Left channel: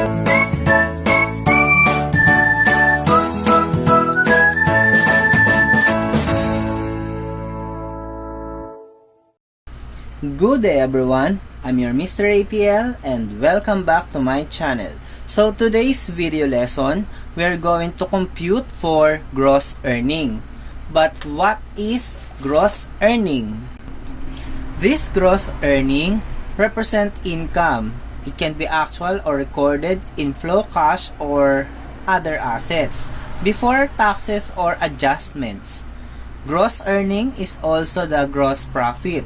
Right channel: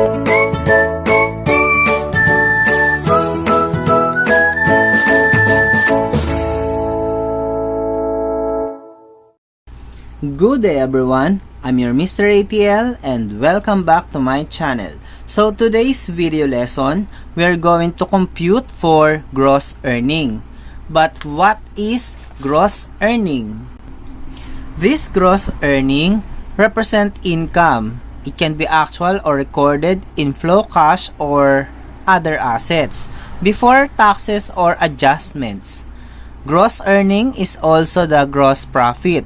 Good day everyone, I'm your Mr. ATL and welcome back to my channel. So today's video lesson, we are going to compute for gross earning. But what is gross earning? This gross earning represent income. It can be actual or recorded in flow cash or other assets before taxes or adjustments. Gross earning is also the gross profit.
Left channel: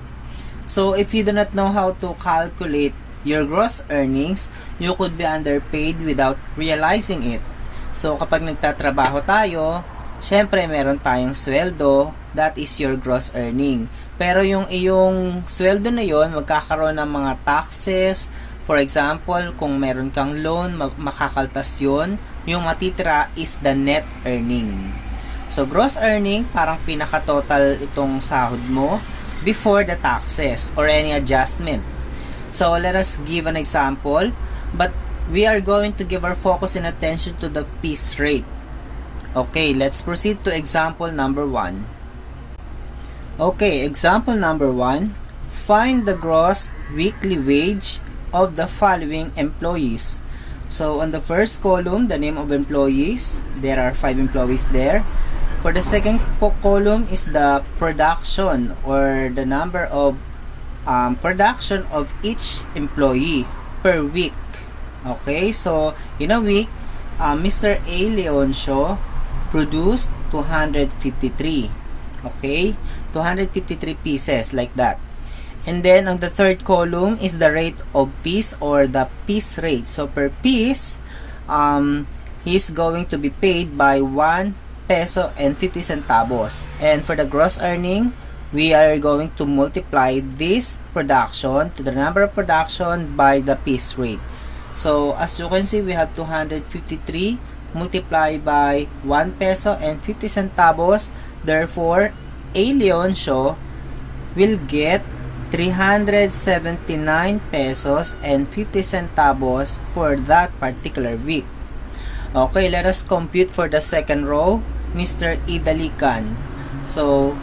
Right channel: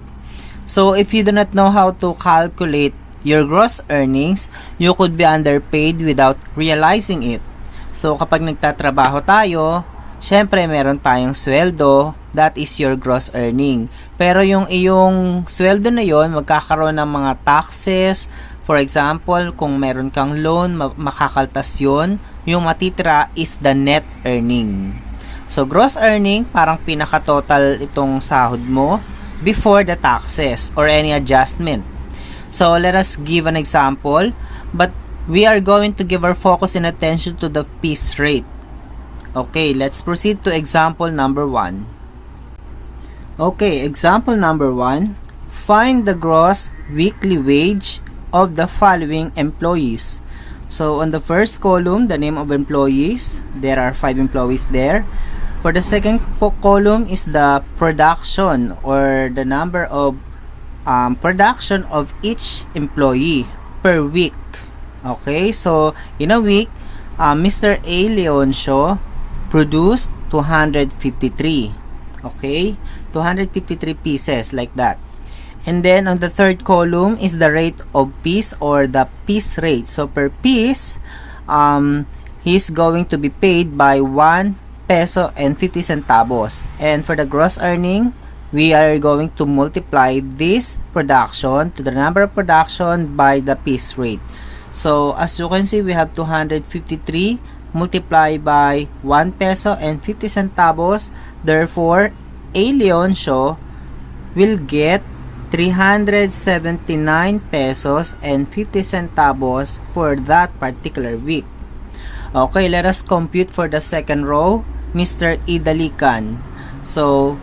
So if you do not know how to calculate your gross earnings, you could be underpaid without realizing it. So kapag nagtatrabaho tayo, syempre meron tayong sweldo, that is your gross earning. Pero yung iyong sweldo na yon, magkakaroon ng mga taxes. For example, kung meron kang loan, makakaltas yun. Yung matitira is the net earning. So gross earning, parang pinaka-total itong sahod mo before the taxes or any adjustment. So let us give an example, but we are going to give our focus and attention to the piece rate. Okay, let's proceed to example number 1. Okay, example number 1. Find the gross weekly wage of the following employees. So on the first column, the name of employees, there are 5 employees there. For the second column is the production or the number of production of each employee per week. Okay, so in a week, Mr. A. Leoncio produced 253. Okay, 253 pieces like that. And then on the third column is the rate of piece or the piece rate. So per piece, he's going to be paid by 1 peso and 50 centavos. And for the gross earning, we are going to multiply this production to the number of production by the piece rate. So as you can see, we have 253 multiplied by 1 peso and 50 centavos. Therefore, A. Leoncio will get 379 pesos and 50 centavos for that particular week. Okay, let us compute for the second row. Mr. Idalican. So,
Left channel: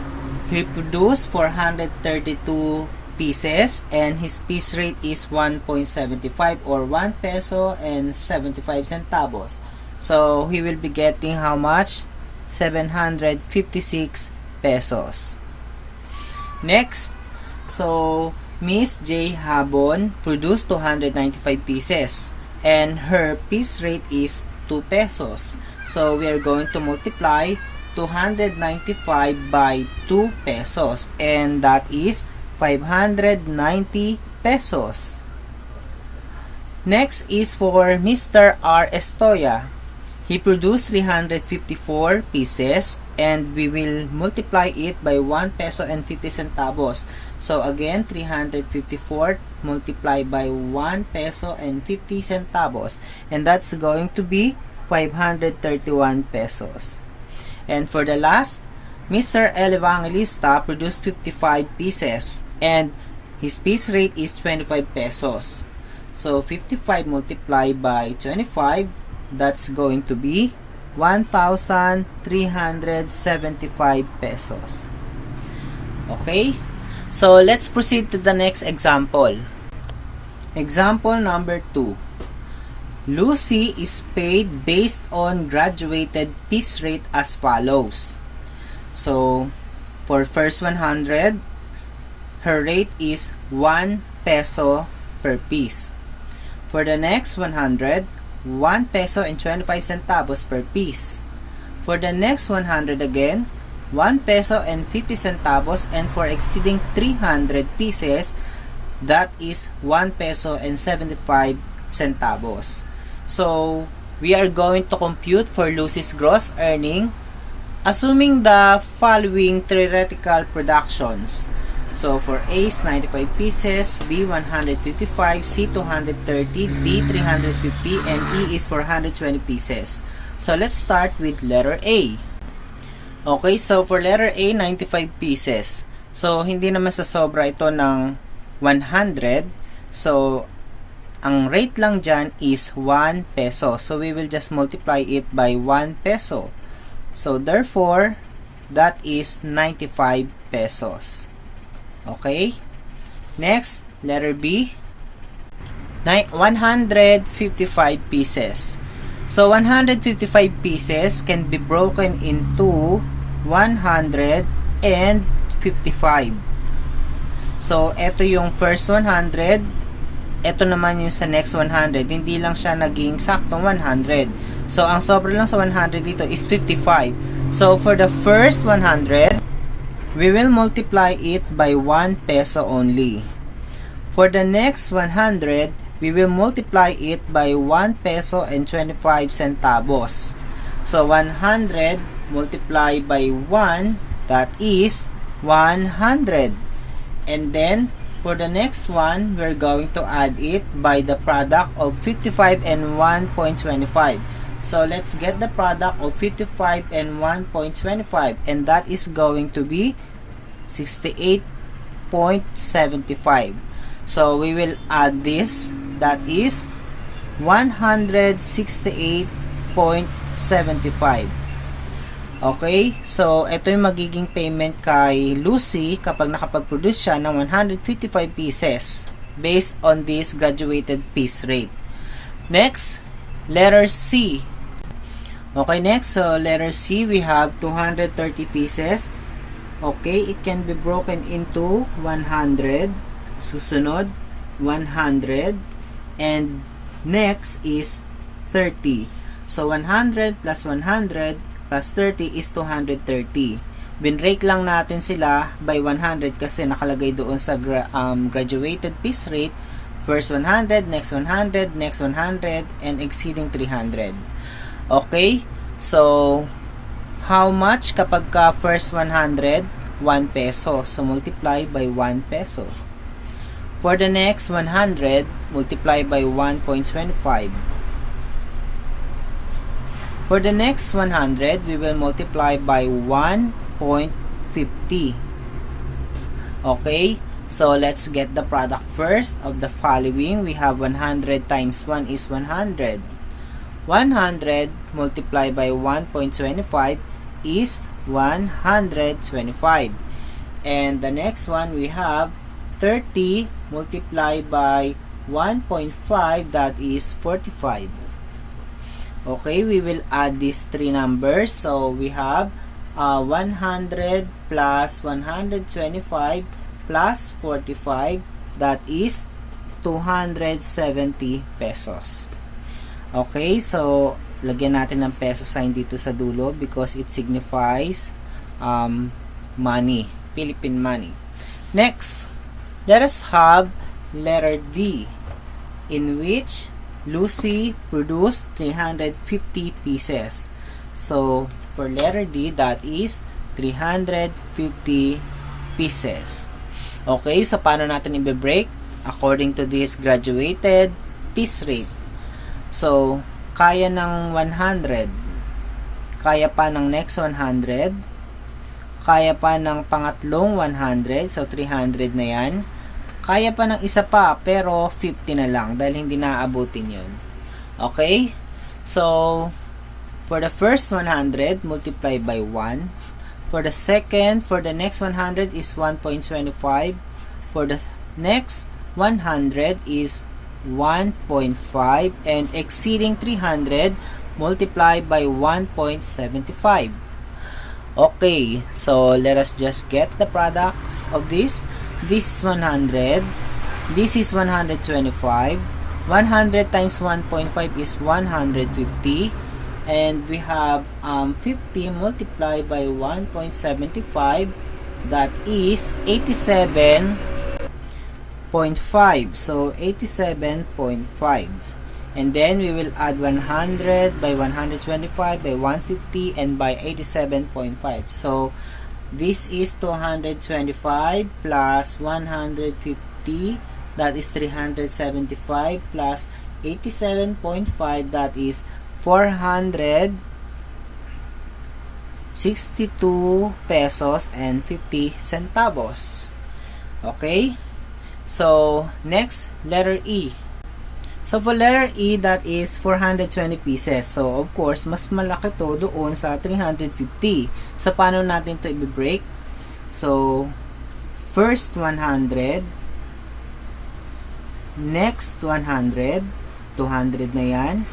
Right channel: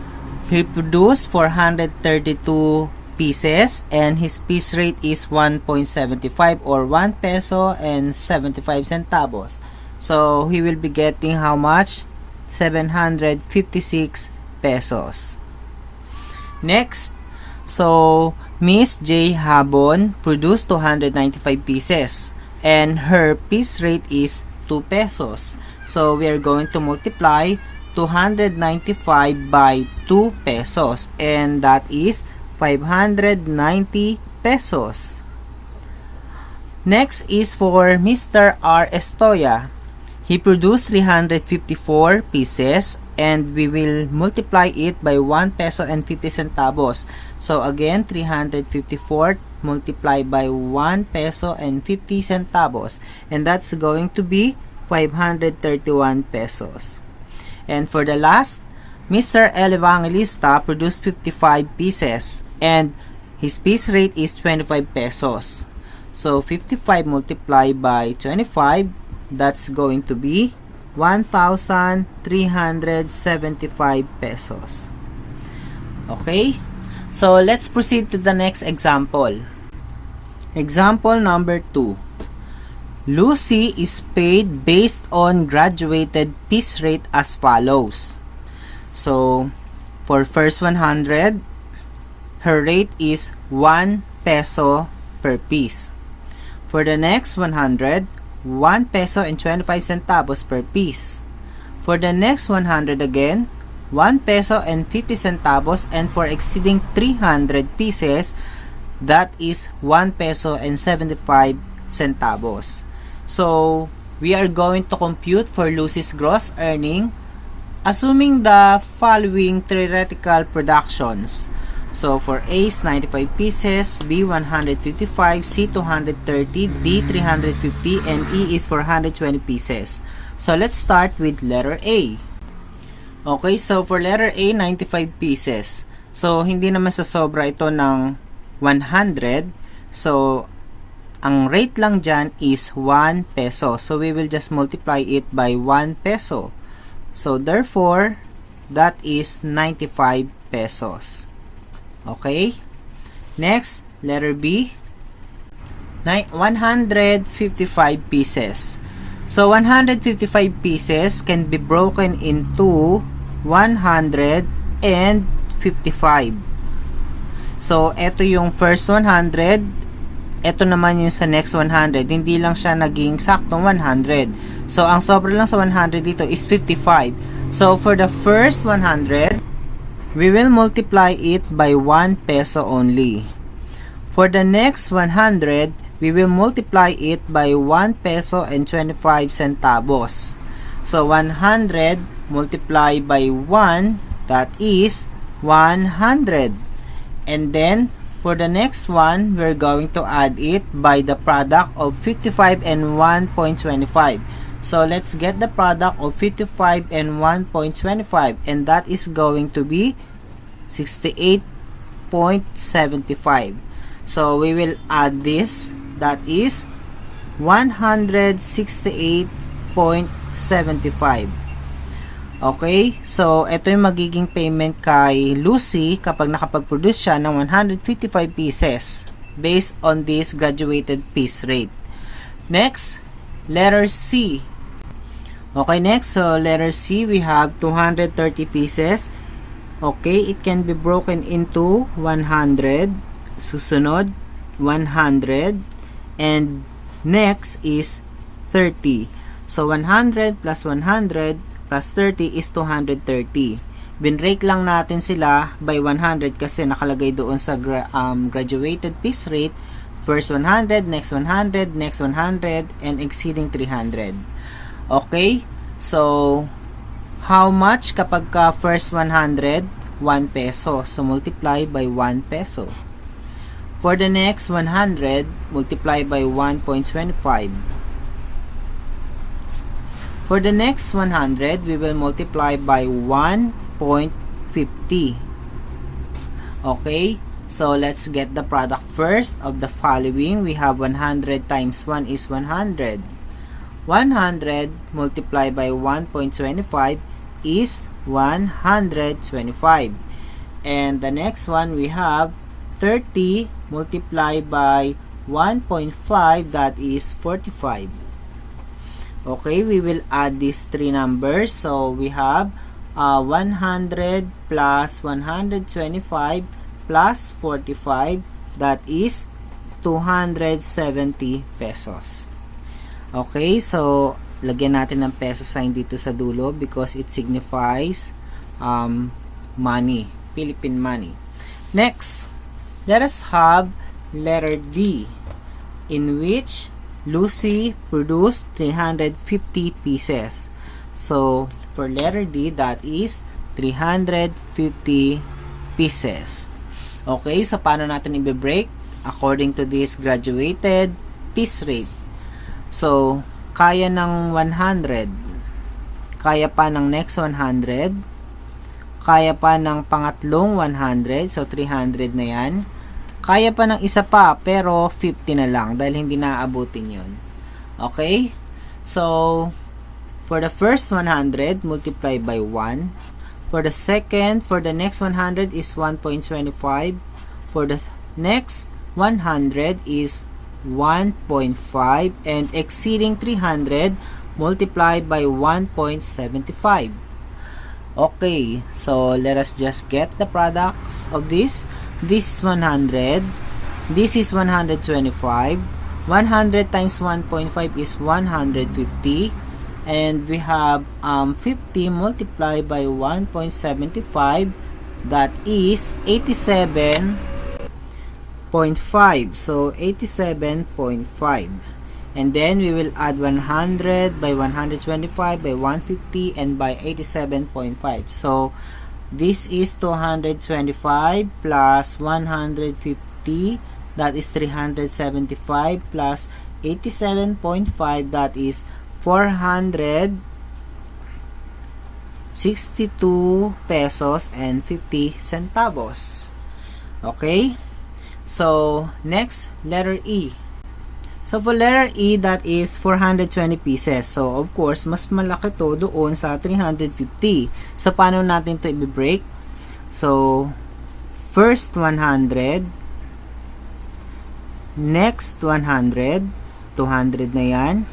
he produced 432 pieces and his piece rate is 1.75 or 1 peso and 75 centavos. So, he will be getting how much? 756 pesos. Next, so Miss J. Habon produced 295 pieces and her piece rate is 2 pesos. So we are going to multiply 295 by 2 pesos and that is 590 pesos. Next is for Mr. R. Estoya. He produced 354 pieces and we will multiply it by 1 peso and 50 centavos. So again, 354 multiplied by 1 peso and 50 centavos and that's going to be 531 pesos. And for the last, Mr. El Evangelista produced 55 pieces and his piece rate is 25 pesos. So 55 multiplied by 25, that's going to be 1,375 pesos. Okay, so let's proceed to the next example. Example number 2. Lucy is paid based on graduated piece rate as follows. So, for first 100, her rate is 1 peso per piece. For the next 100, 1 peso and 25 centavos per piece. For the next 100 again, 1 peso and 50 centavos, and for exceeding 300 pieces, that is 1 peso and 75 centavos. So, we are going to compute for Lucy's gross earning assuming the following theoretical productions. So, for A is 95 pieces, B 155, C 230, D 350, and E is 420 pieces. So, let's start with letter A. Okay, so for letter A, 95 pieces. So, hindi naman sa sobra ito ng 100. So, ang rate lang dyan is 1 peso. So, we will just multiply it by 1 peso. So, therefore, that is 95 pesos. Okay? Next, letter B. 155 pieces. So, 155 pieces can be broken into 100 and 55. So, ito yung first 100. Ito naman yung sa next 100. Hindi lang siya naging saktong 100. So, ang sobra lang sa 100 dito is 55. So, for the first 100, we will multiply it by 1 peso only. For the next 100, we will multiply it by 1 peso and 25 centavos. So, 100 multiplied by 1, that is 100. And then, for the next one, we're going to add it by the product of 55 and 1.25. So, let's get the product of 55 and 1.25. And that is going to be 68.75. So, we will add this. That is 168.75. Okay, so ito yung magiging payment kay Lucy kapag nakapag-produce siya ng 155 pieces based on this graduated piece rate. Next, letter C. Okay, next, so letter C, we have 230 pieces. Okay, it can be broken into 100, susunod, 100, and next is 30. So, 100 plus 100 plus 30 is 230. Binrake lang natin sila by 100 kasi nakalagay doon sa graduated piece rate. First 100, next 100, next 100, and exceeding 300. Okay? So, how much kapag ka first 100? 1 peso. So, multiply by 1 peso. For the next 100, multiply by 1.25. For the next 100, we will multiply by 1.50. Okay, so let's get the product first of the following. We have 100 times 1 is 100. 100 multiplied by 1.25 is 125. And the next one, we have 30 multiplied by 1.5, that is 45. Okay, we will add these three numbers. So, we have 100 plus 125 plus 45, that is 270 pesos. Okay, so, lagyan natin ng peso sign dito sa dulo because it signifies money, Philippine money. Next, let us have letter D, in which Lucy produced 350 pieces. So, for letter D, that is 350 pieces. Okay, so paano natin i-break? According to this graduated piece rate. So, kaya ng 100, kaya pa ng next 100, kaya pa ng pangatlong 100, so 300 na yan. Kaya pa ng isa pa, pero 50 na lang dahil hindi naaabutin yun. Okay? So, for the first 100, multiply by 1. For the second, for the next 100 is 1.25. For the next 100 is 1.5. And exceeding 300, multiply by 1.75. Okay, so let us just get the products of this. This is 100. This is 125. 100 times 1.5 is 150. And we have 50 multiplied by 1.75. That is 87.5. So, 87.5. And then we will add 100 by 125 by 150 and by 87.5. So, this is 225 plus 150, that is 375 plus 87.5, that is 462 pesos and 50 centavos. Okay? So, next, letter E. So for letter E, that is 420 pieces. So of course, mas malaki to doon sa 350. So paano natin to i-break? So first 100, next 100, 200 na yan.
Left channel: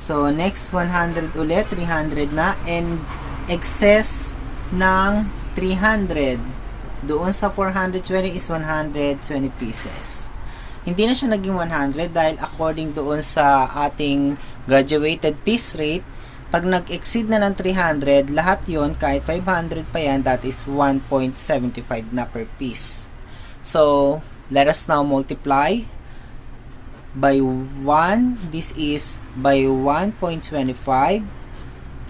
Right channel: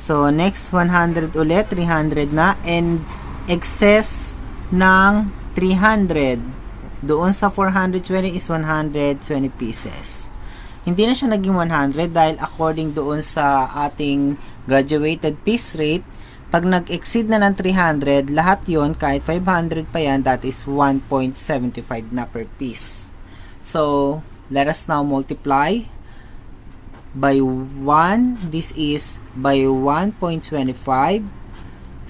So next 100 ulit, 300 na, and excess ng 300 doon sa 420 is 120 pieces. Hindi na siya naging 100 dahil according doon sa ating graduated piece rate, pag nag-exceed na ng 300, lahat yon kahit 500 pa yan, that is 1.75 na per piece. So let us now multiply by 1. This is by 1.25.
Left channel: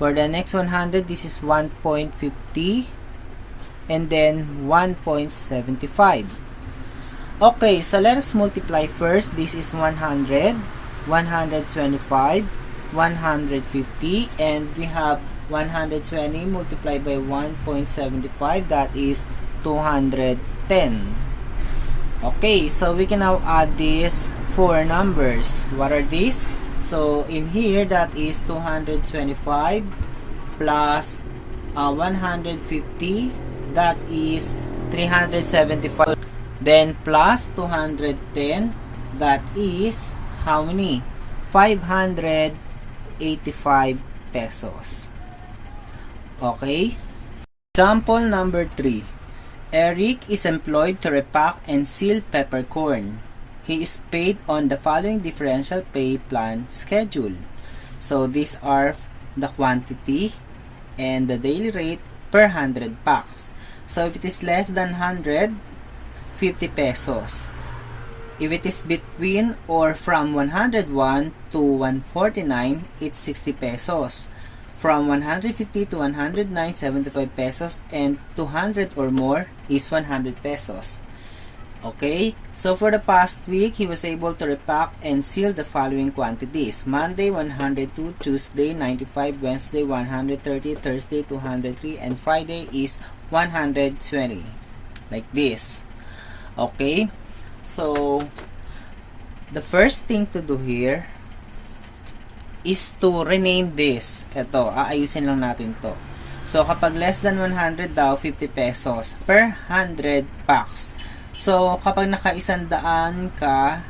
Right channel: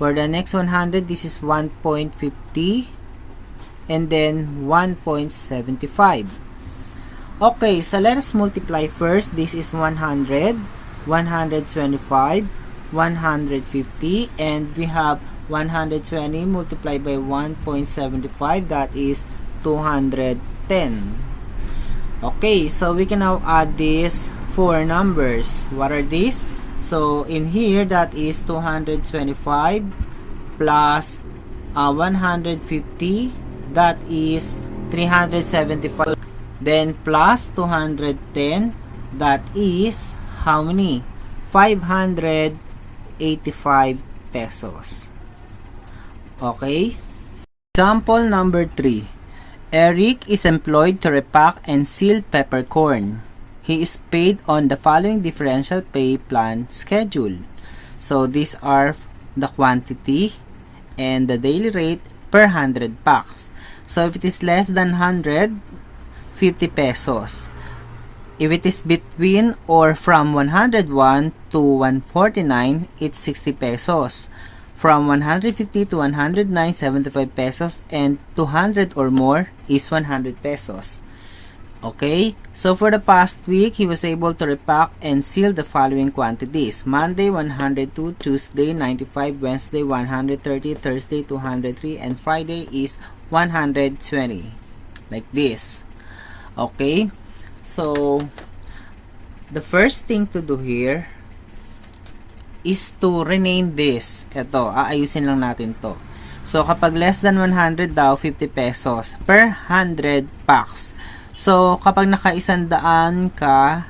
For the next 100, this is 1.50, and then 1.75. Okay, so let us multiply first. This is 100, 125, 150, and we have 120 multiplied by 1.75, that is 210. Okay, so we can now add these four numbers. What are these? So in here, that is 225 plus 150, that is 375. Then plus 210, that is how many? 585 pesos. Okay? Example number 3. Eric is employed to repack and seal peppercorn. He is paid on the following differential pay plan schedule. So these are the quantity and the daily rate per 100 packs. So if it is less than 100, 50 pesos. If it is between or from 101 to 149, it's 60 pesos. From 150 to 109, 75 pesos, and 200 or more is 100 pesos. Okay, so for the past week, he was able to repack and seal the following quantities: Monday 102, Tuesday 95, Wednesday 130, Thursday 203, and Friday is 120. Like this. Okay, so the first thing to do here is to rename this. Ito, aayusin lang natin to. So kapag less than 100 daw, 50 pesos per 100 packs. So kapag naka-100 ka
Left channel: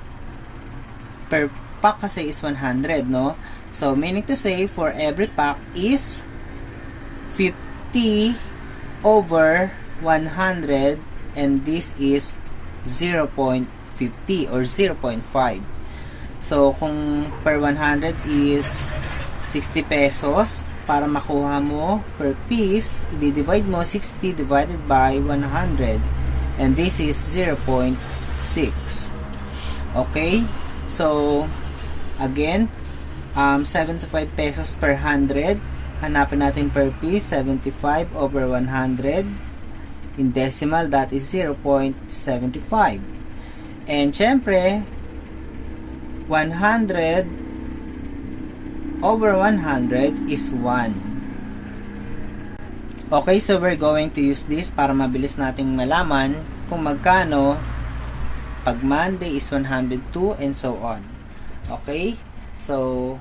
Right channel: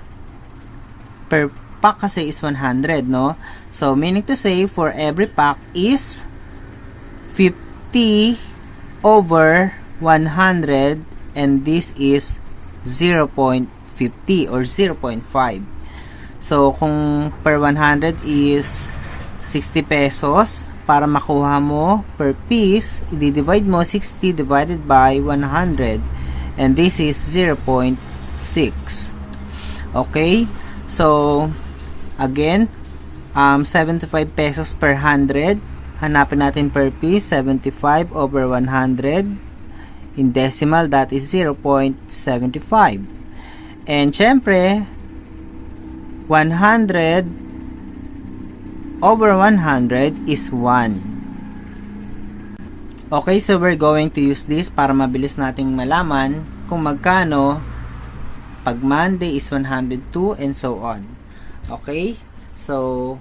per pack kasi is 100, no? So meaning to say, for every pack is 50 over 100, and this is 0.50 or 0.5. So kung per 100 is 60 pesos, para makuha mo per piece, i-divide mo 60 divided by 100, and this is 0.6. Okay, so again, 75 pesos per 100. Hanapin natin per piece, 75 over 100. In decimal, that is 0.75. And syempre, 100 over 100 is 1. Okay, so we're going to use this para mabilis nating malaman kung magkano pag Monday is 102 and so on. Okay, so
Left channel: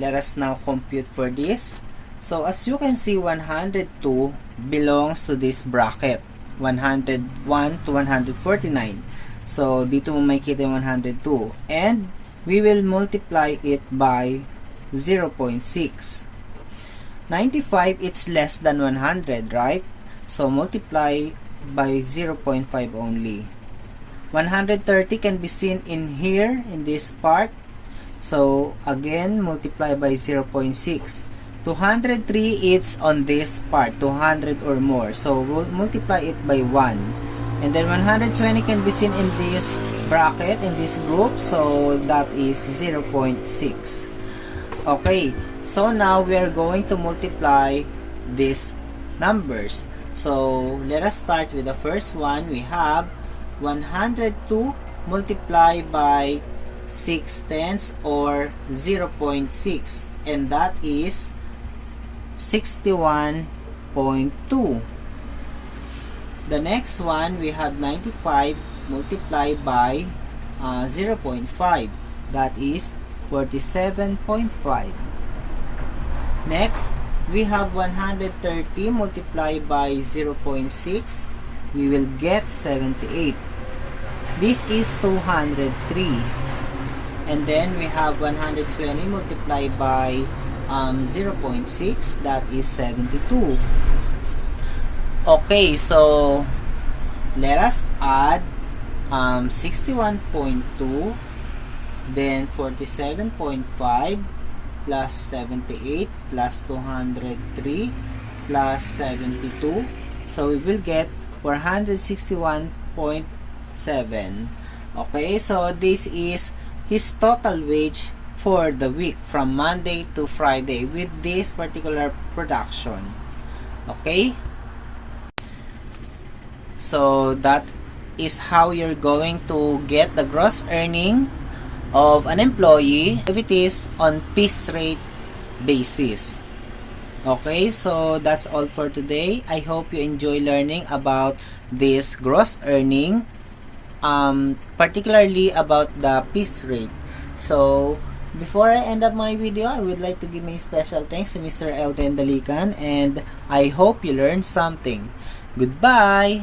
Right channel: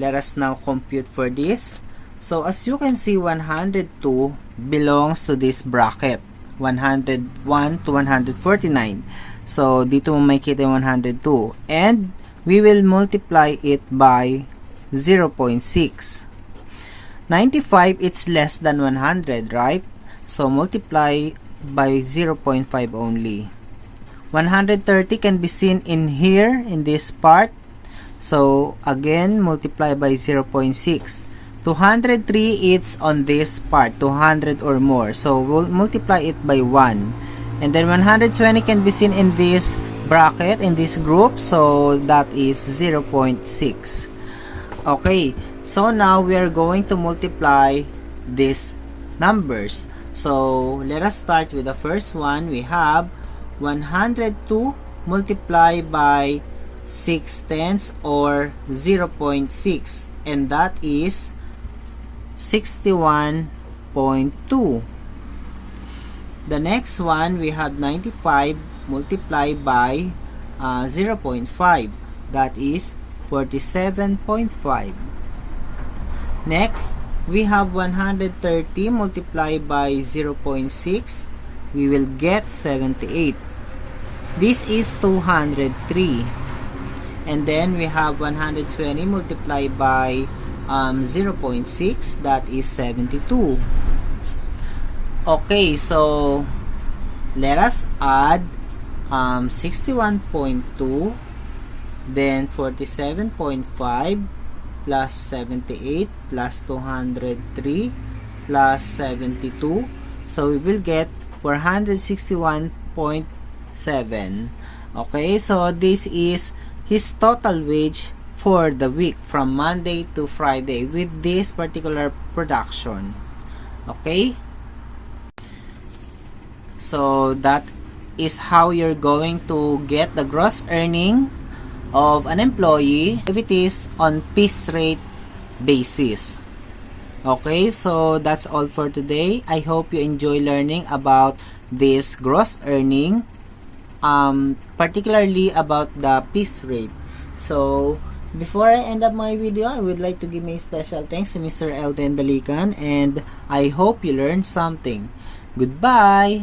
let us now compute for this. So as you can see, 102 belongs to this bracket, 101 to 149. So dito mo makikita yung 102, and we will multiply it by 0.6. 95, it's less than 100, right? So multiply by 0.5 only. 130 can be seen in here, in this part. So again, multiply by 0.6. 203, it's on this part, 200 or more. So we'll multiply it by 1. And then 120 can be seen in this bracket, in this group. So that is 0.6. Okay, so now we are going to multiply these numbers. So let us start with the first one. We have 102 multiplied by 6/10 or 0.6, and that is 61.2. The next one, we have 95 multiplied by 0.5. that is 47.5. Next, we have 130 multiplied by 0.6. We will get 78. This is 203. And then we have 120 multiplied by 0.6, that is 72. Okay, so let us add 61.2, then 47.5 plus 78 plus 203 plus 72. So we will get 461.7. Okay, so this is his total wage for the week from Monday to Friday with this particular production. Okay, so that is how you're going to get the gross earning of an employee if it is on piece rate basis. Okay, so that's all for today. I hope you enjoy learning about this gross earning, particularly about the piece rate. So before I end up my video, I would like to give my special thanks to Mr. Elton Dalikan, and I hope you learned something. Goodbye!